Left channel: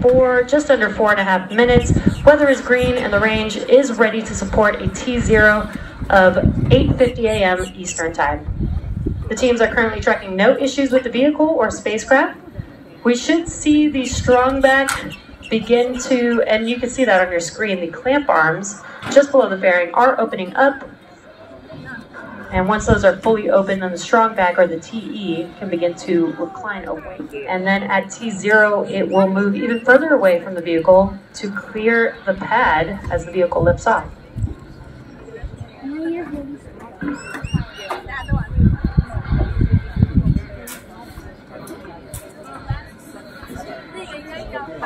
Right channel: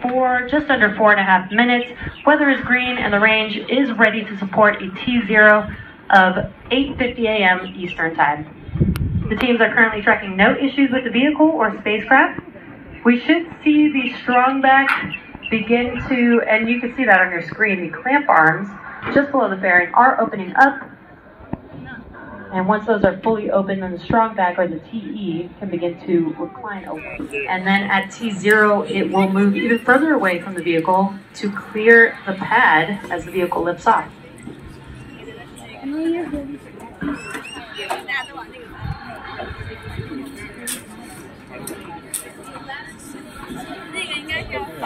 For just under 4.5 minutes, weather is green and the range is ready to support a T0 of 8:50 a.m. Eastern Time. The teams are currently tracking no issues with the vehicle or spacecraft. We should see the strong back begin to, and you can see that on your screen, the clamp arms just below the fairing are opening up. And once those are fully open, then the strong back, or the TE, can begin to recline open. And then at T0, it will move even further away from the vehicle to clear the pad as the vehicle lifts off.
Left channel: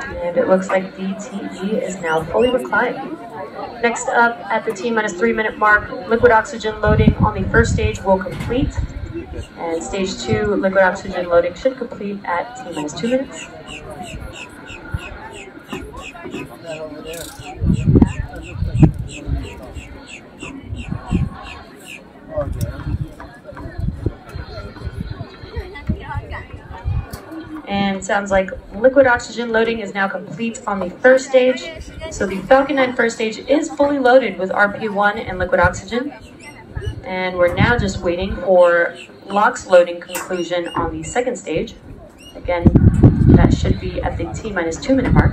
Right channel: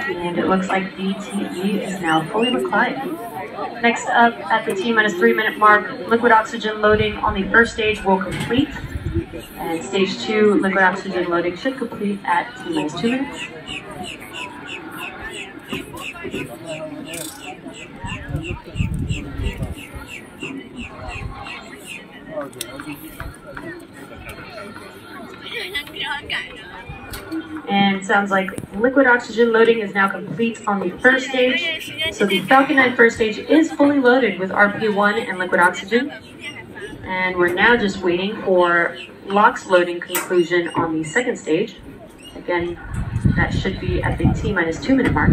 And it looks like the TE is now fully reclined. Next up, at the T-3 minute mark, liquid oxygen loading on the first stage will complete. And stage 2, liquid oxygen loading should complete at T-2 minutes. And sounds like liquid oxygen loading is now complete on the first stage. So the Falcon 9 first stage is fully loaded with RP1 and liquid oxygen. And we're now just waiting for LOX loading conclusion on the second stage. Again, that should be at the T-2 minute mark.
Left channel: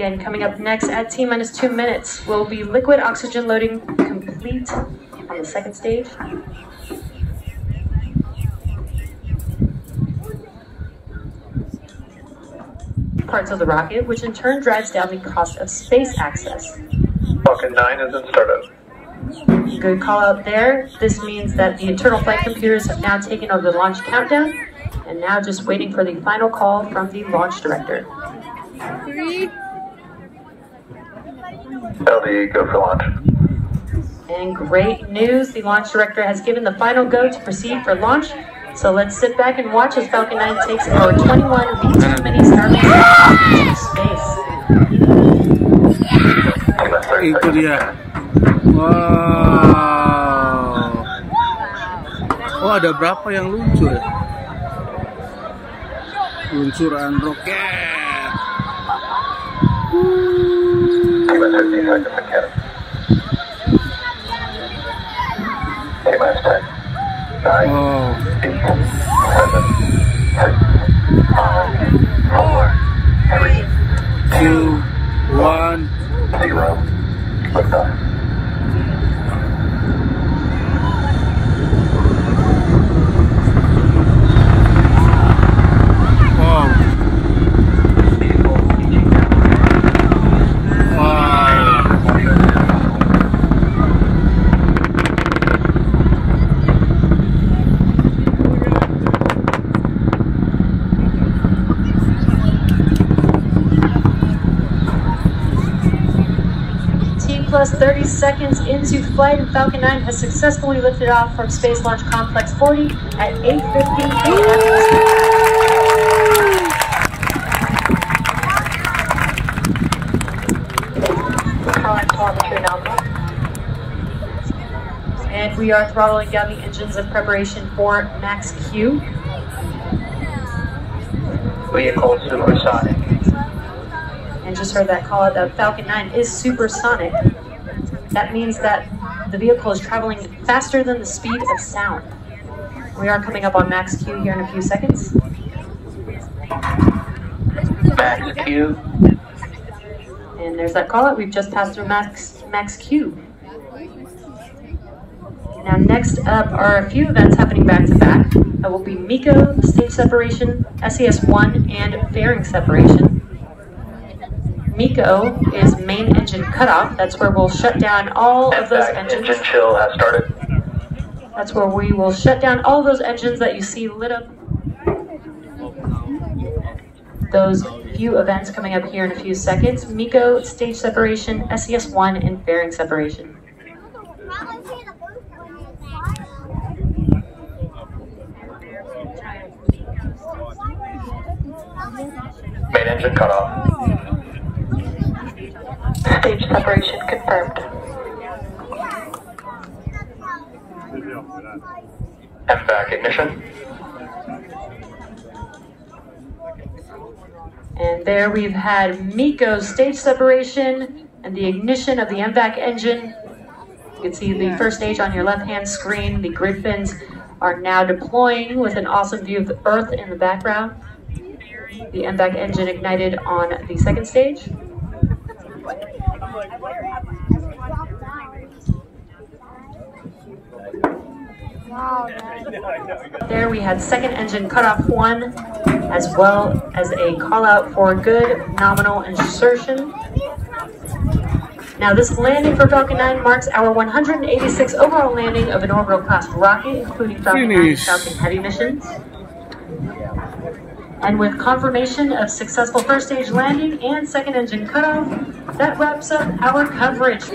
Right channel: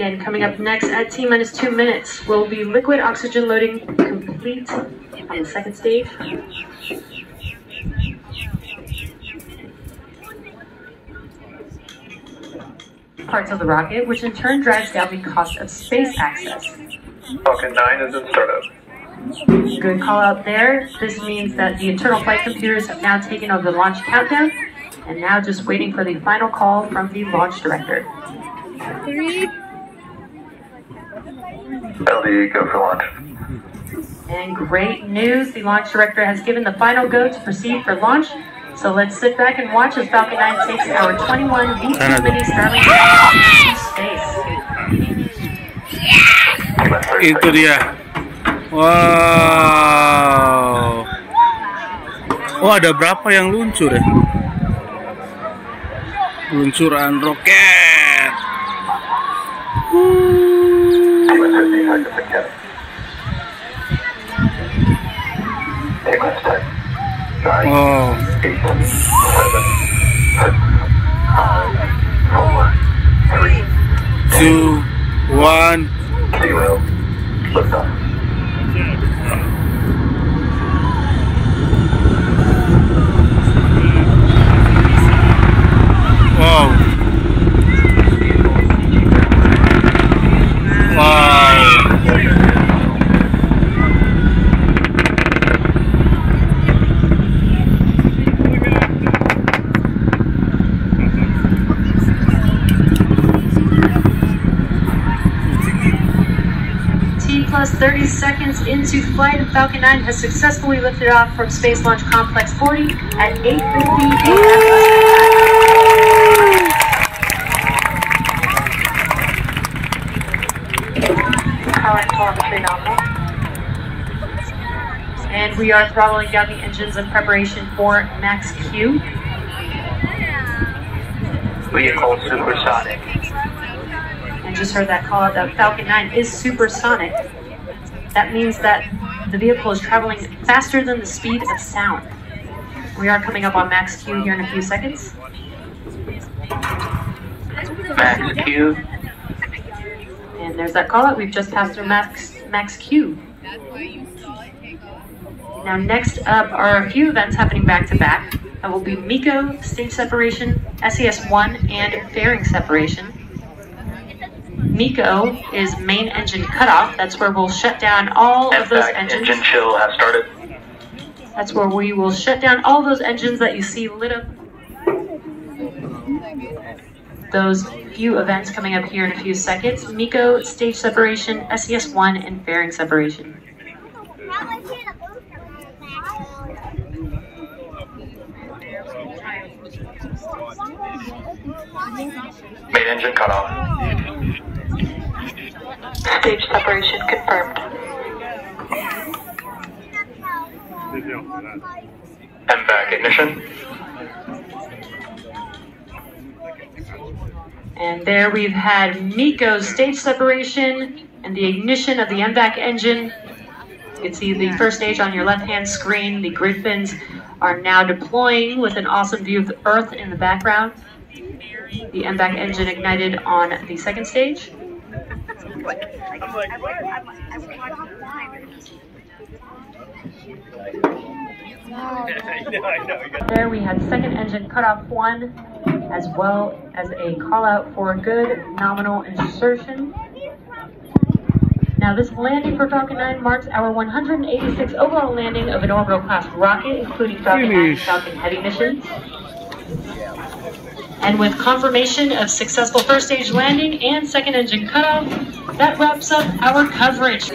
Again, coming up next at T-2 minutes will be liquid oxygen loading complete on the second stage. Parts of the rocket, which in turn drives down the cost of space access. Falcon 9 is in startup. Good call out there. This means that the internal flight computers have now taken over the launch countdown and now just waiting for the final call from the launch director. 3. LV, go for launch. And great news, the launch director has given the final go to proceed for launch. So let's sit back and watch as Falcon 9 takes our 21 V2 mini Starlink to space. Itu dia. Wow. Oh, ada berapa yang luncur ya? Peluncuran roket. Wow. 2, 1, 0. Wow. Plus 30 seconds into flight, Falcon 9 has successfully lifted off from Space Launch Complex 40 at 8:50 a.m. And we are throttling down the engines in preparation for Max Q. Vehicle supersonic. And just heard that call out that Falcon 9 is supersonic. That means that the vehicle is traveling faster than the speed of sound. We are coming up on Max Q here in a few seconds. Max Q. And there's that call out. We've just passed through Max Q. Now next up are a few events happening back to back. That will be MECO, stage separation, SES-1, and fairing separation. MECO is main engine cutoff. That's where we'll shut down all of those engines. Engine chill has started. That's where we will shut down all those engines that you see lit up. Those few events coming up here in a few seconds. MECO, stage separation, SES-1, and fairing separation. Main engine cut off. Stage separation confirmed. MVAC ignition. And there we've had MECO's stage separation and the ignition of the MVAC engine. You can see the first stage on your left-hand screen. The grid fins are now deploying with an awesome view of the Earth in the background. The MVAC engine ignited on the second stage. There we had second engine cutoff 1, as well as a call out for good nominal insertion. Now this landing for Falcon 9 marks our 186th overall landing of an orbital class rocket, including Falcon 9 and Falcon Heavy missions. And with confirmation of successful first stage landing and second engine cutoff, that wraps up our coverage.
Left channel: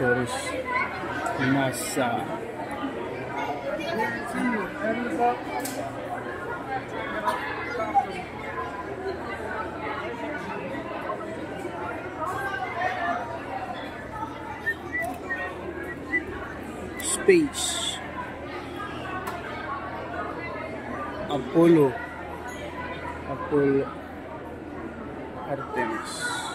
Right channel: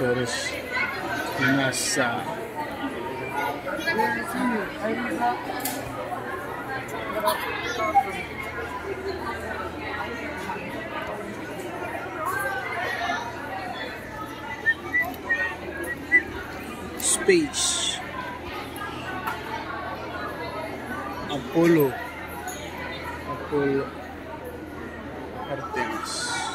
accessories ni NASA. Space. Apollo Artemis.